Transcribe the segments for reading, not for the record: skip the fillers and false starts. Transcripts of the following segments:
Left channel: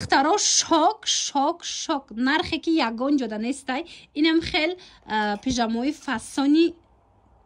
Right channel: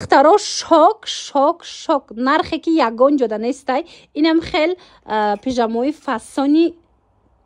دخترها شاک نرخی که یگان جدا نیسته. اینم خیلی پیژاموی فسانی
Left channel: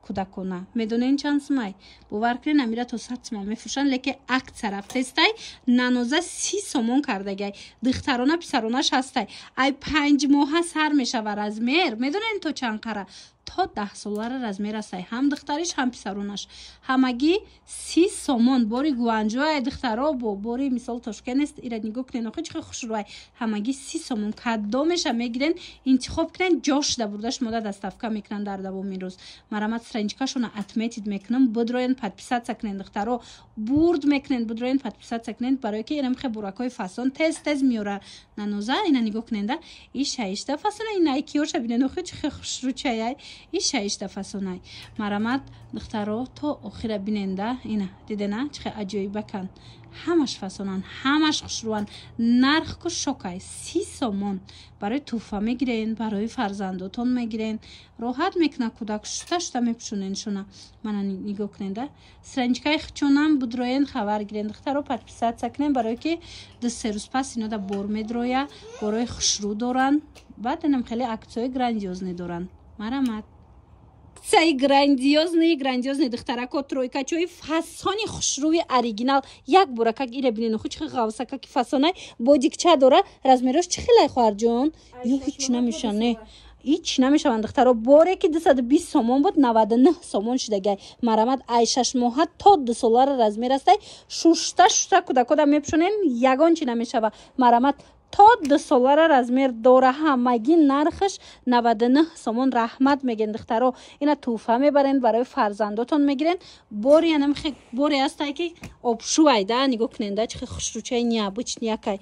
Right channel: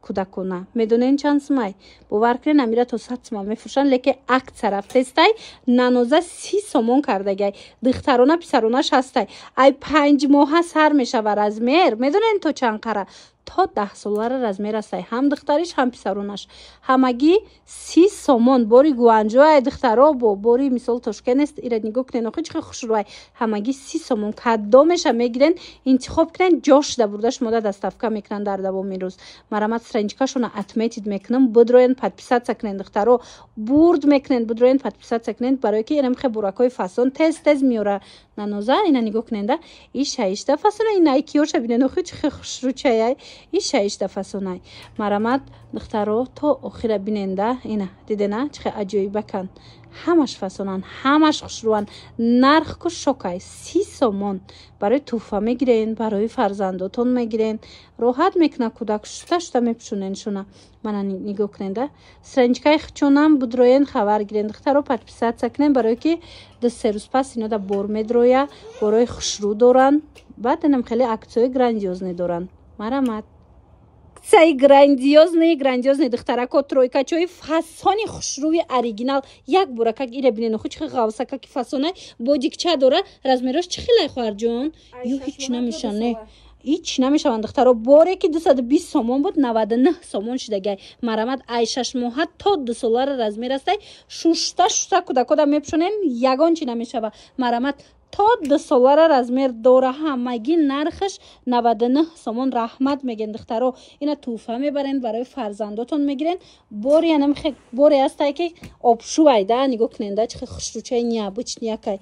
کودکونه میدونین چند سمای باور کنین امیره تو 100 سوم میفروشن لیکن اکثر هفته‌ای نانوزه 30 سومون کرده گای دخترونه پسرونش هسته ای 5 ماه سر میشه و رزمیر میدونین تو چند قره تا 10 سالار رزمیر است هم دختریش هم پسرونش همگی 30 سومون بوری گوانجو ای دخترا با بوری مثال توشکن است ایره نگاه کنین خیلی خوش روی همگی 30 سومون کدامش میگیرن انتخاب کنین جاش ده بردش مدت دستافکا میکنن در دوام روز مرامت سرنجکاشون اتمیتید میکنم بدروین подписаться کنین دخترا برد میکنن بدروین подписаться کنین برای که اینم خیلی براکای فاسون تز میوره نانوزه اینا نگاه کنین ده این شایسته فاسون اینا کیوش ببینن خیلی خوش رو چای این شایسته فاسونای مرامت دخترا تا آخر بیننده اینا دیدنه چه عجیبه کن همش فاسونن همش خوشروان نرخ کو شوکای 30 سومون برای توفه میگیرین برای فرزنداتون میگیرین راحت میکنه کودک شتا میپشونین شونا من نگاه کننده سرنجکای خچونم بدروین خبر گیرین دخترا подписаться کنین برای که د سه روز پس اینا دا بور میدرویا برای خوشرو دارن بعد اینم خیلی اکسای گراندیوزنی دارن مرامت سای گراندیوزنی دخترکو ترویکا چوی فاسونی خوشروی اوریجینال یک برکه ایره ببینین خو چه قوسکا کی فاسونای بودیکچا داره رزمیروش چه خیلی خوار جون یو هیچ نمیشنه هیچ نمیشون دخترا بوره که 220 سومون بود 99 سومون شده گای مرامت ای 6 ماه تا 2 سالار رزمیر است شوشتا کدا میپشونن یگان چی نمیشه مرامت تا 2 سالار رزمیر دوره همگی نرخش 99 سومون رحمت میگن دخترا اینا توفه میبرین برای فرزنداتون میگیرین بوری انم خیلی بوری است که آبشو ایده نگاه کننده چه خوشروچه نیا بچ نیا کای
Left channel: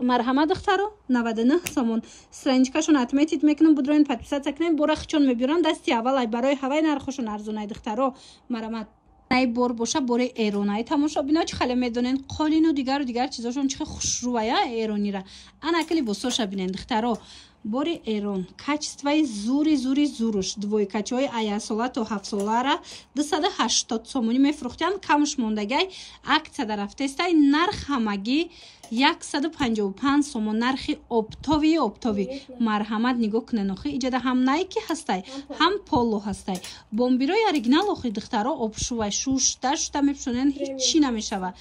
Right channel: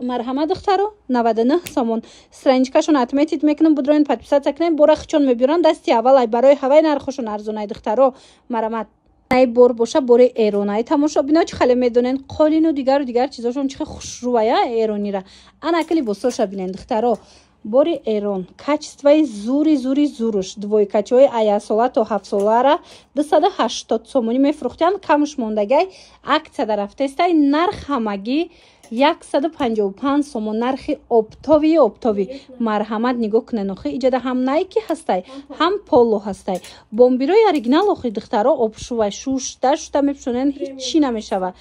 مرحمت دخترا 99 سومون سرنجکاشون اتمیتید میکنن بدروین подписаться کنین بورخ چون میبرن دستی اول برای هوای نرخشون ارزونه دخترا مرحمت ای بور باشه بور ایرانی تماشا بینا چه خاله میدونن قالین و دیگر چیزاشون چه خوشرویا ایرانی را انا کلی بوسوش بینن دخترا بور ایران کачествоی زوروش двойкачой аясола تا 7 سالاره 280 сомони میفروختن کمش موندگی акция در هفته است نرخ همگی 155 سومون نرخ اپتاوی مرحمت نگاه کنن اخی ایجاده هم نایکی هستی هم پولو هستی بومبیروی اوریجینال اخی دخترا آبشو شوشتا میپشونن هیچی نمیشوه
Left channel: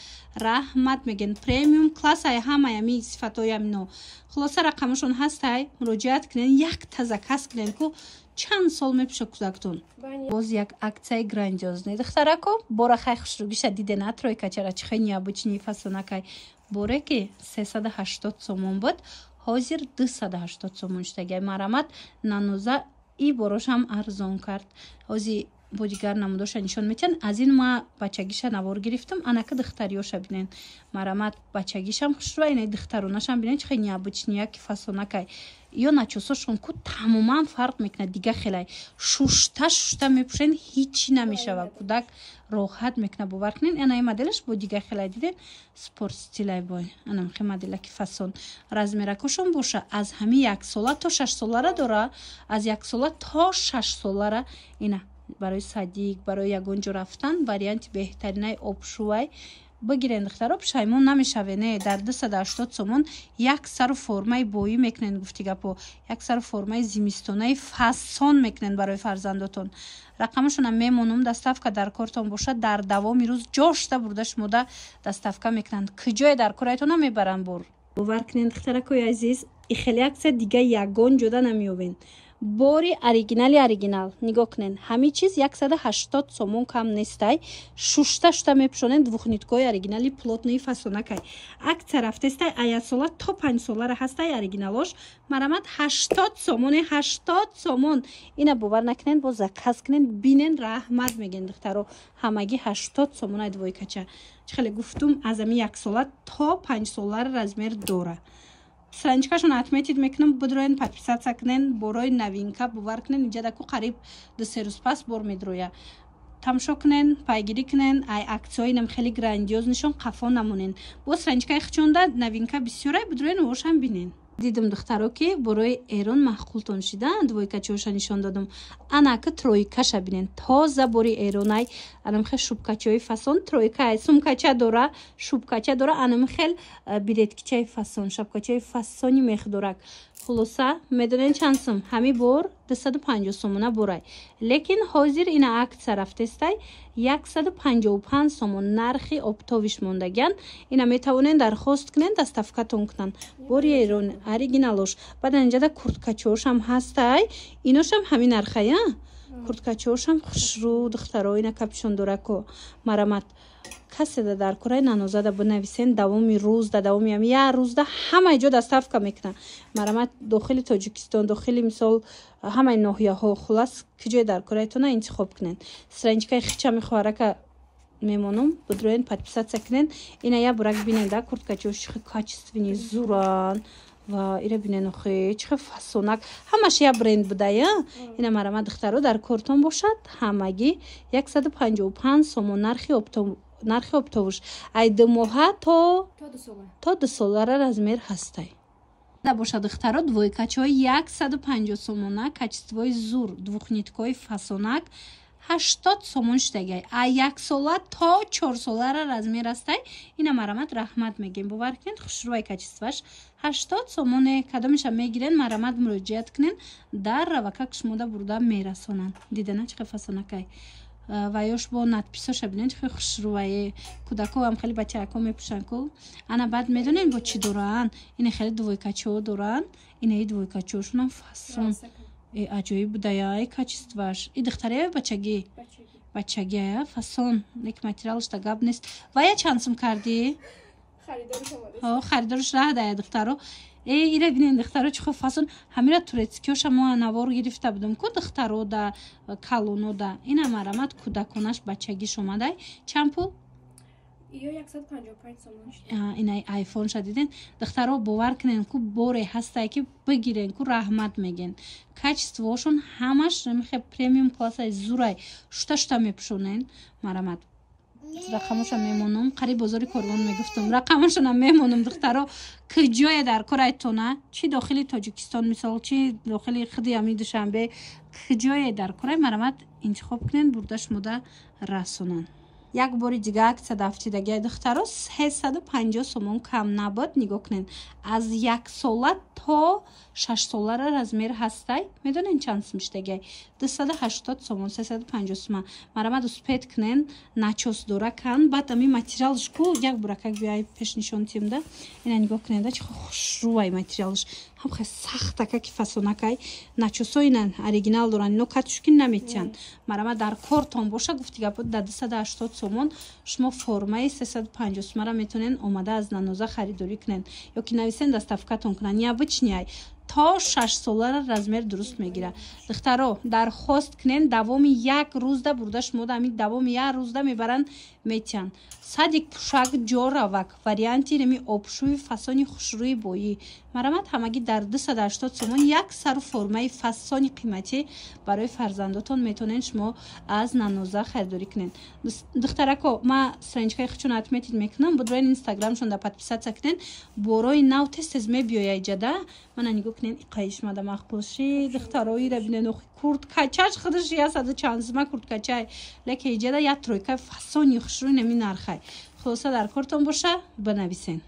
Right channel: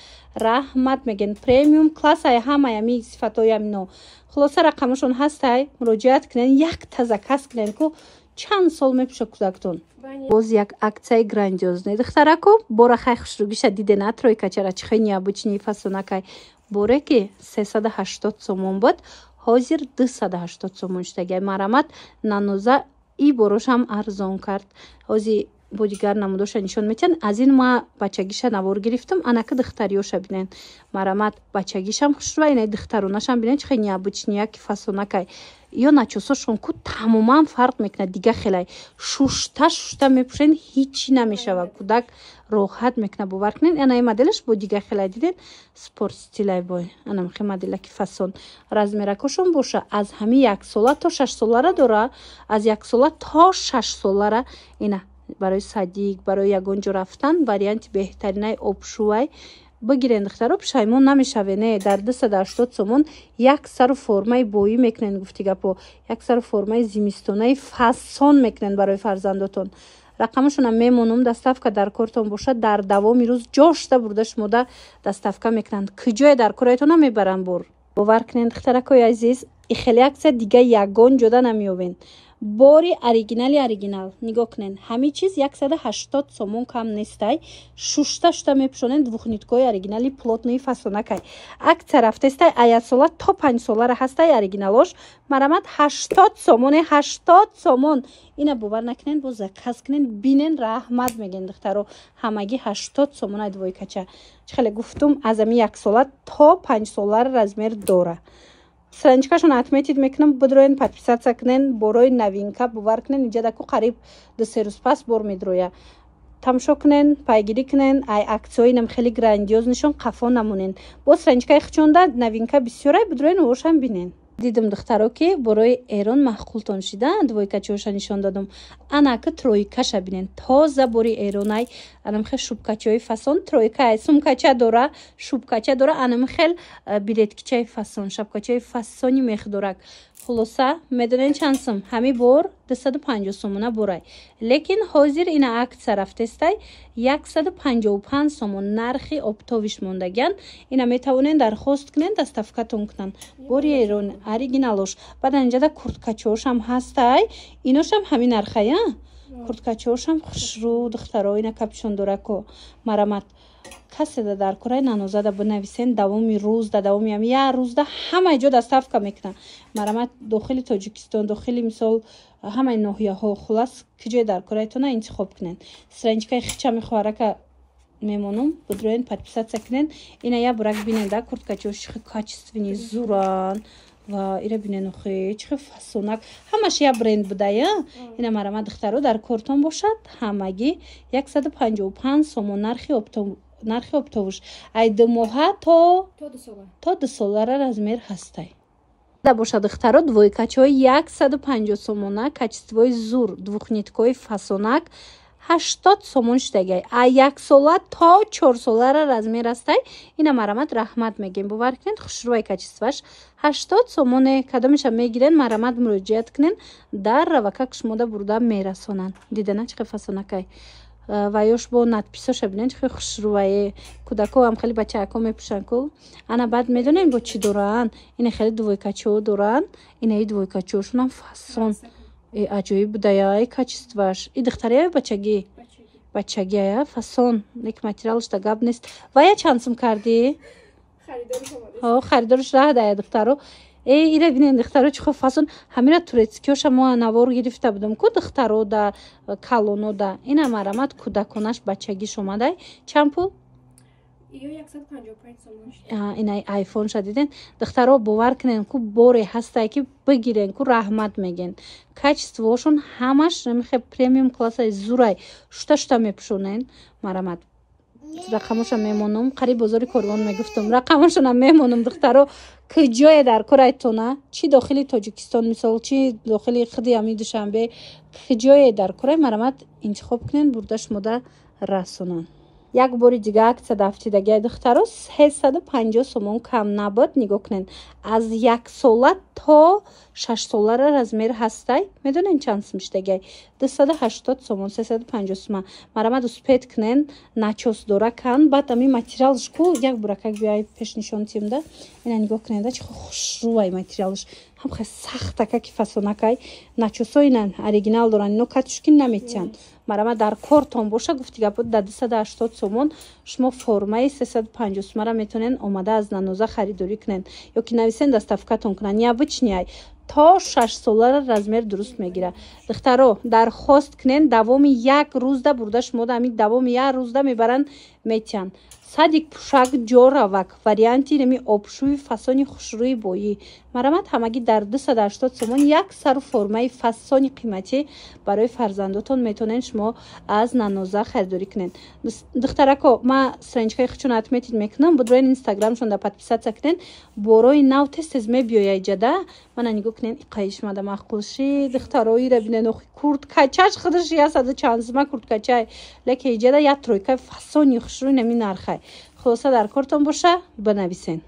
رحمت میگن پریمیوم کلاس های همه می صفتای همینو خلاصه رقمشون هستی مراجعت کنن یک تازه کس کنن که چند سال میپشه کودکتون باز یک акция گراندیوزنی دخترکو بورا خیلی خوش رو بیشه دیده نه ترویکا چرا چخی نیا بچنی فاسونکای بوره که 380 سومون بود حاضر 280 سومون شده مرامت نانوزه ای بروش هم ارزان کرد حاضی بودیگر نمودوش نشون میتن از این ما بچگیش نوار گرفتم انا که دختریوش بینن مرامت بچگیش هم خوش رو اینه دخترونش هم بینن چه خیلی بچنیا که فاسونکای یا نچوساشون کو تماما فرق میکنه دیگه خیلی شوشتا میپشن هیچی نمیشه و کودک راحت میکنه باور کنین انا این مدلش با دیگه خیلی دیدین سپورت استیلای بای انا خیلی مدل که فاسون رزمیرکشون باشه از همین 1 ساله تا 6 ساله داره از 1 ساله تا 6 ساله اینا برای صدیق برای یگونجو رفتن وریانت بهترینای آبشوی بگیرین دخترا پشیمون نمیشوه نه در 280 سومون یک سر فرمای بویی میکنن گفتی گپو یک سر فرمای زمستونای فاسون میکنن برای فرزنداتون رقمشون هم میمونم دستافکا در کورتون باشه در دوام روز جاشته بردش مده دستافکا میکنن کجای در کورتون هم میبرن بر باور کنین دخترکای عزیز ای خیلی اکثر دیگه یگان جدا نمیوین بوری اوریجینال نگاه کنین همه چیز 180 سومون کم نیستی شوشتا میپشونن двухнитковой اوریجینالی плотный фасонакай акция رفته است аясола تا 5 ساله هستی اوریجینالش مرامت 80 سومون اینا باور نکنین باز کس کنین بینن رحمت میگن دخترو همگی 80 سومون دویکچه چخله گفتم از می 1 ساله تا 5 ساله رزمیر دوره سرنجکاشون اتمیتید میکنم بدروین подписаться کنین بروی نوینکا باور کنین اینجا دکو قریب 2-3 روز پس بر میدرویا تماشا کنین پیگیری کنین ای اکسیوی نم خیلی گراندیوز نشون قفا نمونین با سرنجکای خچونده نوینکا بسیاره بدروین وش هم بینین دیدم دخترها که برای ایران محقولتون شدن двойкачиоша نشان دادم انا که ترویکاش ببینین تازه بری ایرانی انم خیلی شوبکاچی فاسون ترویکا سومکاچا داره شوبکاچا داره انم خیلی بیلتکچی فاسون شابکاچی فاسونی مخدورک خلاصه میدونین چندسم همی بار 250 سومونه برای لیکن حاضر این عکس رفته استای 155 سومون نرخی اپتویش موندگان اینا میتونین درخواست کنین دستافکاتون کنن بری ایران اوریجینالش بعد اینجا دا کورتکاچوش هم هستای اینوش هم همین نرخه کورتکاچوش هم خوشرو دخترها اینا کپشون داره کو مرامت کسی دا در کره نانوزه دا بنویسین دوامی روز دا دوامی هم یه روز دا همه جا دستافکا میکنن مرامت داخل تاجیکستان داخل مثال همه ناحیه ها خلاص کجای در کره تون انتخاب کنین سرنجکای خیچه میخواره که میمونم بدروین подписаться کنین اینا یا برک بینین دا курткачош качественный зуран و ایره بینین خیلی چه فاسونک همش یا برند بوده اینا مرامت دخترو در کارتون باشد همگی 155 سومون نرخی اپتوش ای دموها تا 2 سالاره размер هسته да бошад духтаро двойкачои 150 сомона качествои зур двухниткои фасонак 80 сомон штагай а 1 сола то 4 солара размер астай ина марамат раҳмат мегем бовар кунед хушрӯи качестваш 80 сомоне кадомиша мегирен марамат муроҷиат кунен дар равака шумода бурда мерасонанд дидана чӣ фасонакай و یوش با надписош ببینید خیلی خوشرویه کودک‌ها هم خیلی بچه‌ها میپوشن کو انا بعد میدونین با چی دارن این خیلی двойкачо دارن این двойкачошون هم فاسون عجیب بودای کачествоش این دختریه بچگی فاسون یک ماتریالش تا گاب نیست و یا چانسم کردی خریدارش راه دای دخترو ایره بینین دخترو چه فاسون همین تورецкиош ما навор گرفته بودم کو دخترو دا کالونو دا اینا مرامت کودکونش بچگیش اومده چند پول ایو 155 سومون اینا آیفون شدیدن دخترو باور کنین کو بوری هسته که بگیرن کو رحمت میگن کачествоشون همش میخه پریمیوم کلاس زورای شتا میپشونن مرامت رقمشون میمونم قریب بازار کاروان میگفتم رقمشون میمونم دخترو که جای در کرایتونه چی داخل تاجیکستان مثال چی داخل خدی امی دوشنبه که جای در کرای مرامت انتخاب کنین بردش مده رسونن یک باری دیگه عکس دفتیدگی دخترو 350 سومون کم نبود نگاه کنین از 1 ساله تا 6 ساله размер هستای میدونین چند میشتگی 280 سومون 350 سومون مرامت успеть کنین начос داره کن بعد امی ماتریالش کو یک برکک بیای پیش نشون تیم ده اینا نگاه کنین ده چه خوشروای ماتریالش هم خیلی سخته که فاسونکای начосо اینن اوریجینال دارن اینو کاتشکین نمیتین مرامت در کارتون باشه گفتیگه بود 280 سومون شما فرمای 350 سومون را میتونین اومده از نانوزه خریداری کنین یا که نویسین دستافکاتون کنن یا بچنیای تا 6 ساله размер درست میگیره دخترو درخواست کنین دوام یک روز ده برده شما دمی دوام یک روز ده میبرن میتین صدیق پوشک جوراوک وریانتی نمی آبشوی فاسونی خوشروی بایی مرامت همگی در 280 سومون یک سر فرمای فاسونی قیمتی برای فرزنداتون میتونین شما از نانوزه خریداری کنین دخترکو ما سرنجکای خچون اتمیتید میکنم بدروین اینستاگرامشون دا подписаться کنین بروی نو تست میبیوی جدا من نگو کنین قایش ماده مخقوشی دختروی رو بینن کورتکاچاش خودش یه صد چانزمه کورتکاچای لکه ایجاده یا ترویکای فاسونی خوشروی نمی نرخای خلاصه در کارتون باشه بنویسین